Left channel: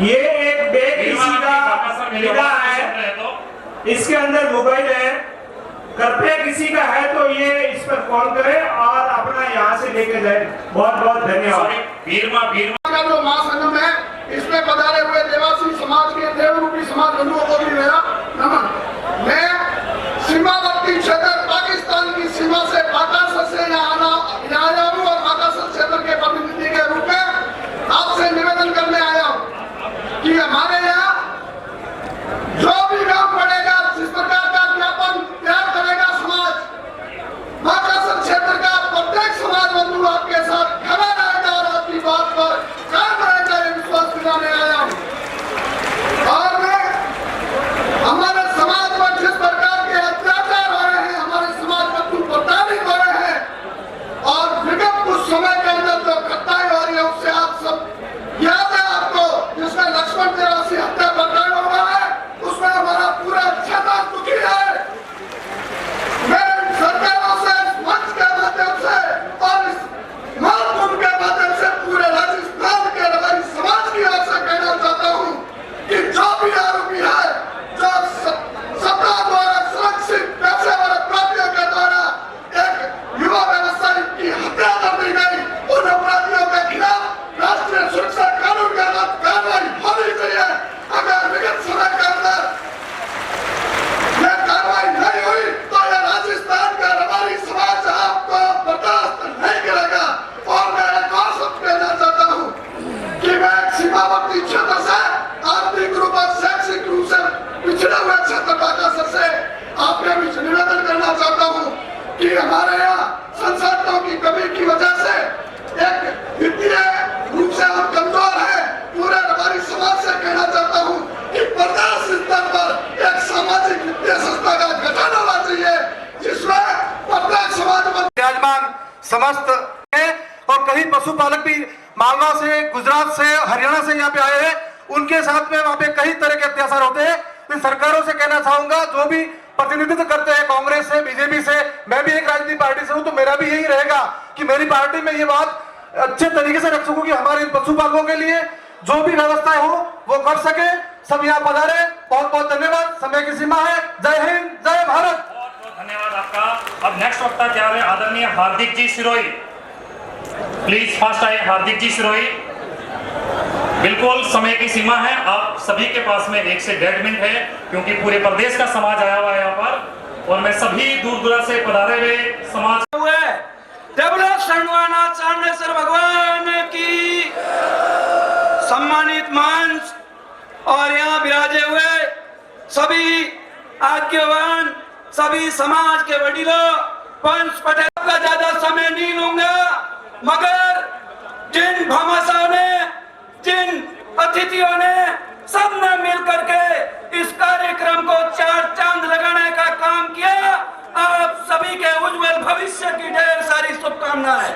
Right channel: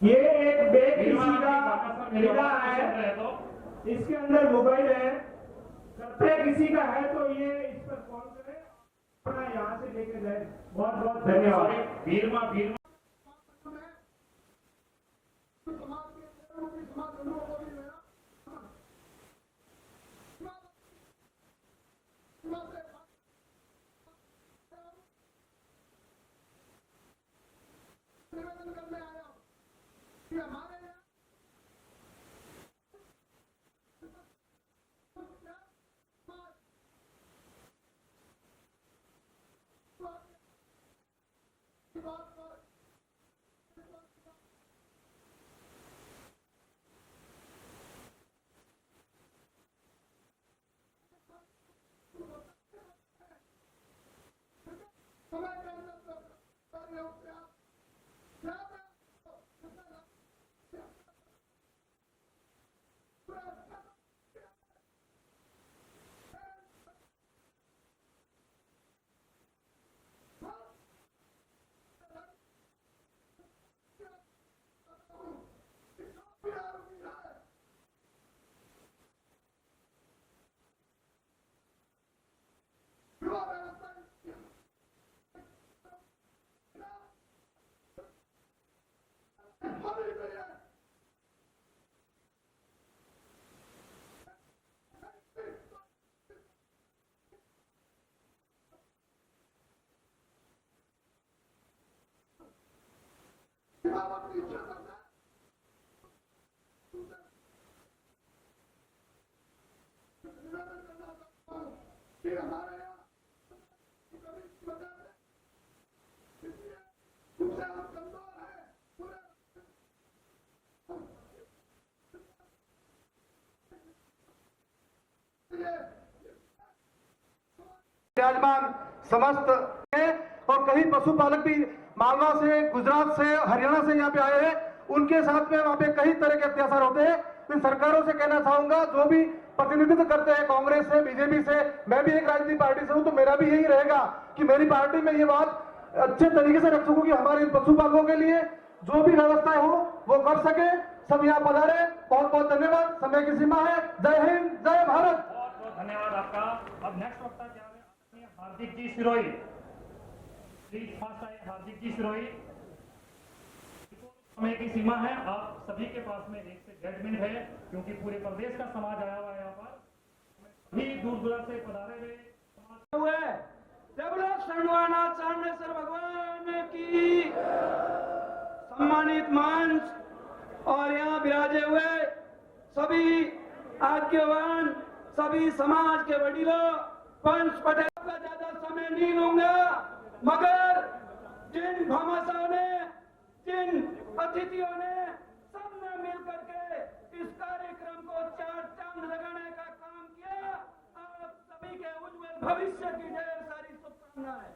ये एक बेकिसी का निगाह है, इसके अंदर मोबाइल है, कृपया किसी का है तो ये इस पर कॉल करे और अपना यहाँ से लेके जाए। बहुत बहुत धन्यवाद। बीरमा का जो महासंगम है, इसमें पधारे हुए देवासी समाज के देवरूपी समाज बंधुओं को भी मेरा नमन। मैं सीमावर्ती क्षेत्र पाकिस्तान की सीमा से बाकासर से यहाँ आया हूँ और बाकासर क्षेत्र के प्रतिनिधि के रूप में आपसे निवेदन करने आया हूँ कि हमारे यहाँ जो भी गाँव पड़ेगा, जिस प्रकार का ज्ञापन तैयार करेगा समाज, बाकासर क्षेत्र का प्रत्येक समाज बंधु आपके साथ खड़ा रहेगा और आपकी बात पर कायम रहेगा, ये विश्वास दिलाने आया हूँ। और मैं हमारे समाज पर जिस प्रकार के अत्याचार हो रहे हैं, हमारे समाज बंधु प्रताड़ित हो रहे हैं और विगत कुछ समय के अंदर जो घटनाएं हो रही है उससे आप सब याद है आपको, जिसमें लक्ष्मण देवासी हत्या प्रकरण हुआ है, उसमें हमारा पूरा क्षेत्र दुखी है। मैं सरकारों से मंच के माध्यम से और इस महाकुंभ के माध्यम से पूरे राजस्थान के रवारी समाज की ओर से कहना चाहता हूँ कि जो भी आरोपी है, जो सत्ता द्वारा सुरक्षित पेशेवर अपराधियों के द्वारा एक युवा व्यवसायी की हत्या कर दी गई, उन अपराधियों के खिलाफ राष्ट्रीय सुरक्षा कानून के तहत कार्रवाई होनी चाहिए। अगर विगत समय के अंदर यह कार्रवाई नहीं हुई तो यह राजस्थान का रवारी समाज आपको बर्दाश्त नहीं करेगा। और मैं एक और शब्द कहना चाहता हूँ कि मैं एक सीमावर्ती क्षेत्र से आर्थिक रूप और शैक्षिक रूप से पिछड़े हुए क्षेत्र बाकासर से आपके बीच निवेदन करना चाहता हूँ कि हमारे यहाँ संसाधनों की कमी की वजह से एक वित्तीय रूप से हम कमजोर हैं। पूरे रवारी समाज से कहना चाहता हूँ कि प्रदेश स्तर पर एक सामाजिक वित्तीय संस्था का गठन होना चाहिए, जिसमें प्रत्येक समाज विराजमान समस्त है और कई पशुपालक भी मालवा से, गुजरात से, हरियाणा से यहाँ पे आए हैं। उनके साथ में वहाँ पे कई तरह के अत्याचार होते हैं। इन सरकारों से कहना चाहूंगा, जो भी प्रतिनिधित्व करते हैं कांग्रेस से, बीजेपी से, मैं भी एक राजनीतिक पार्टी से हूँ, तो मेरा भी यही रहेगा कि मेरी पार्टी में ये बात अच्छे तरीके से रख सकूं कि हमारे पशुपालकों के लिए जो भी व्यवस्था हो वो कर सके। सब यहाँ पधारे, बहुत बहुत धन्यवाद। समय की सीमा है। जय हिंद, जय भारत। बहुत बहुत धन्यवाद आपका। अब नेक्स्ट वक्ता क्या है, आदरणीय हार्दिक जी सिरोही, प्लीज फास्ट आइए। हार्दिक जी सिरोही, बिल्कुल समय की सीमा है, आप सभी के पास में 1 से 1.5 मिनट है, क्योंकि पूरे प्रदेश का समाज आया हुआ है यहाँ पर और मैं सभी दूर दूर से पधारे हुए समाज चांडेश्वर भगवान की सम्मानित मंच और यहाँ विराजे हुए सभी आज्ञावान, सभी समाज के वडीलों, पंच पटेल का ज्यादा समय नहीं लूंगा, मगर जिन भामाशाहों ने, जिन अतिथियों ने, सबने मिल करके इस कार्यक्रम को 4 चांद लगाने का काम किया, आप सभी के उज्जवल भविष्य की ढेर सारी शुभकामनाएं।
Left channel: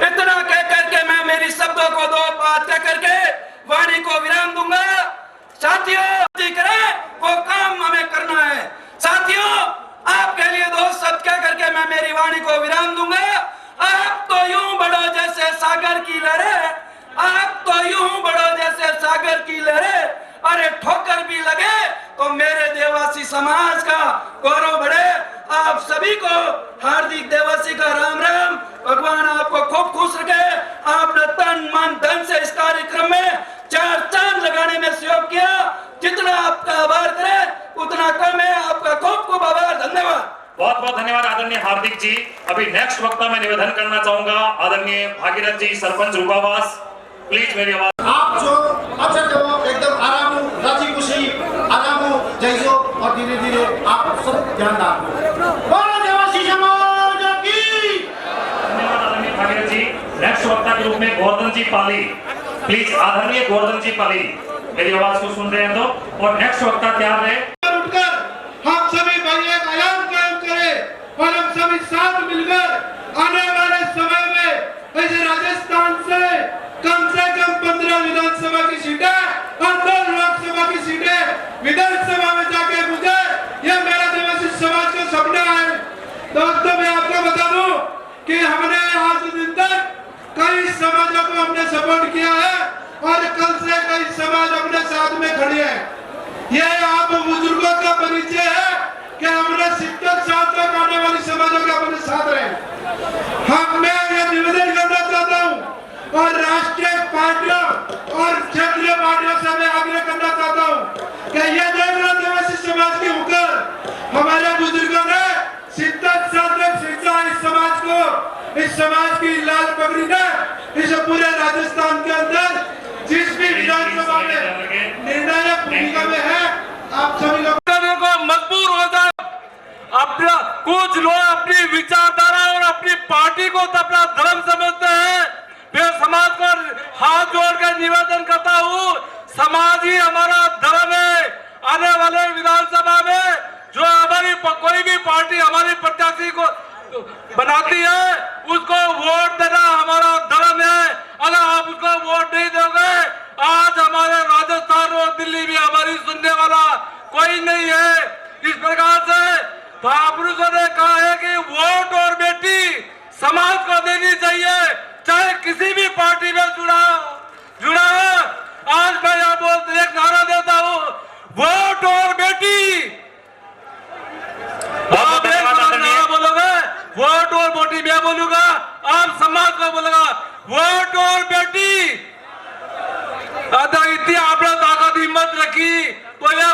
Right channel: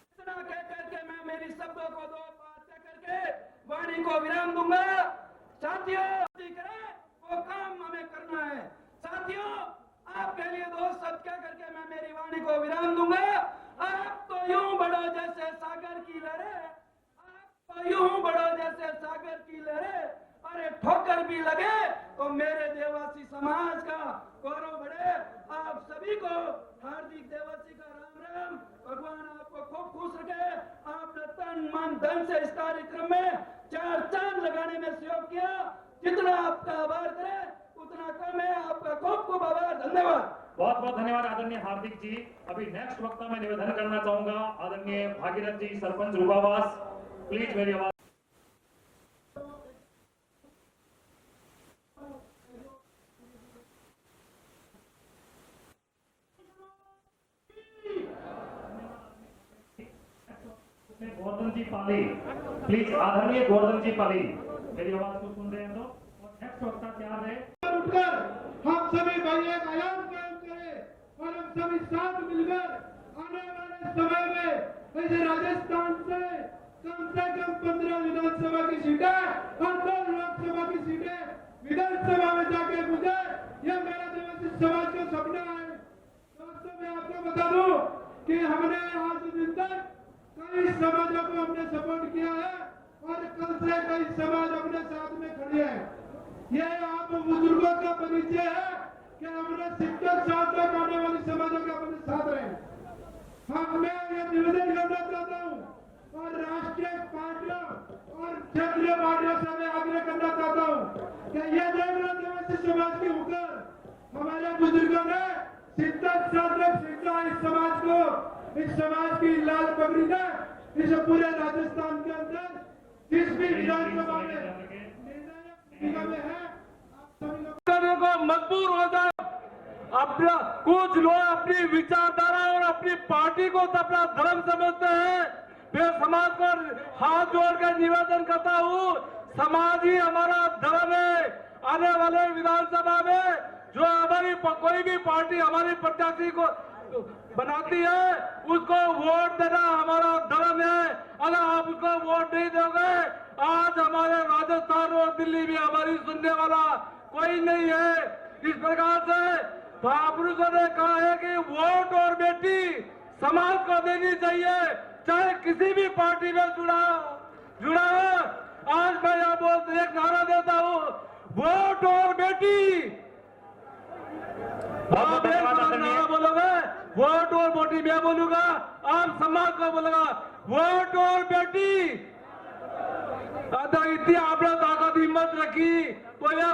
इतना कह करके मैं मेरी शब्दों को 2 बात कह करके वाणी को विराम दूंगा। साथियों, वो काम हमें करना है। साथियों, आपके लिए 2 शब्द कह करके मैं मेरी वाणी को विराम दूंगा। आप तो यूं बढ़ो जैसे सागर की लहरें, आप तो यूं बढ़ो जैसे सागर की लहरें, अरे ठोकर भी लगे तो मेरे देवासी समाज का गौरव बढ़े। आप सभी को हार्दिक देवासी का राम राम। भगवान आपको खूब खुश रखे। आपने तन मन धन से इस कार्यक्रम में 4 चांद लगाने में सहयोग किया। जितना आपका आभार करें उतना कम है। आपका खूब खूब आभार, धन्यवाद। बहुत बहुत धन्यवाद आदरणीय हार्दिक जी। अभी नेक्स्ट वक्ता मैं निवेदन करना चाहूंगा आदरणीय भागीरथ जी, सरपंच रूपावास, प्लीज मेरी आवाज। आप जो अच्छा जो एकदम आराम राजी खुशी आराम जैसो और धीरे धीरे आप सब ध्यान रखो। देवासी समाज की धन्यवाद आदरणीय भागीरथ जी। नेक्स्ट वक्ता के रूप में गोवर्धन जी पाली, प्लीज आदरणीय गोवर्धन जी पाली मेरी आवाज को सुन रहे हैं तो। और नेक्स्ट वक्ता तैयार है। उठकर हम सभी भाई एक आयाम कायम करें और हम सभी साथ मिलकर आने वाले समय में ऐसे राजस्थान से कम 15 विधानसभा की सीटें और 2 लोकसभा की सीटें विधानसभा में जाके मुझे यह मेरा देवासी समाज का सपना है। दोस्तों, मैं आपको बता दूं कि हमने आज दिन तक कई समाजों को हमने सपोर्ट किया है और कल से कई समाज अपने साथ में खड़े हैं। ये आप बुजुर्गों का परिचय है कि हमने 70 साल तक आने वाली समाजों के अपने साथ रहे। मैं ये निवेदन करना चाहता हूँ और राष्ट्रीय पार्टियों और क्षेत्रीय पार्टियों से मैं आग्रह करना चाहता हूँ कि ये देवरा आदिवासी समाज के होकर हमारे बुजुर्गों ने 70 साल तक शिक्षा इस समाज की लाल पगड़ी ने इस पूरे राजस्थान के अंदर जिस भी विधानसभा में निर्णायक भूमिका में है, आप सभी लोग को मजबूर हो जाए। अपना कुछ लोग अपनी विचारधारा और अपनी पार्टी को तो अपना धर्म समझते हैं। मैं समाज को हाथ जोड़कर निवेदन करता हूँ, समाज ही हमारा धर्म है। आने वाले विधानसभा में जो हमारी कोई भी पार्टी हमारी प्रत्याशी को बनाती है उसको वोट देना हमारा धर्म है। अगर आप उसको वोट नहीं दोगे, आज हमारे राजस्थान और दिल्ली में हमारी सुनने वाला कोई नहीं है। इस प्रकार से महापुरुषों ने कहा है कि वोट और बेटी समाज को देनी चाहिए, चाहे किसी भी पार्टी में जुड़ा हो। आज मैं यहाँ बोल एक नारा देता हूँ, वोट और बेटी। आप एक नारा बोलोगे, वोट और बेटी मैं बोलूंगा, आप समाज को बोलेगा वोट और बेटी। इतनी आपने ताकत हिम्मत रखी तो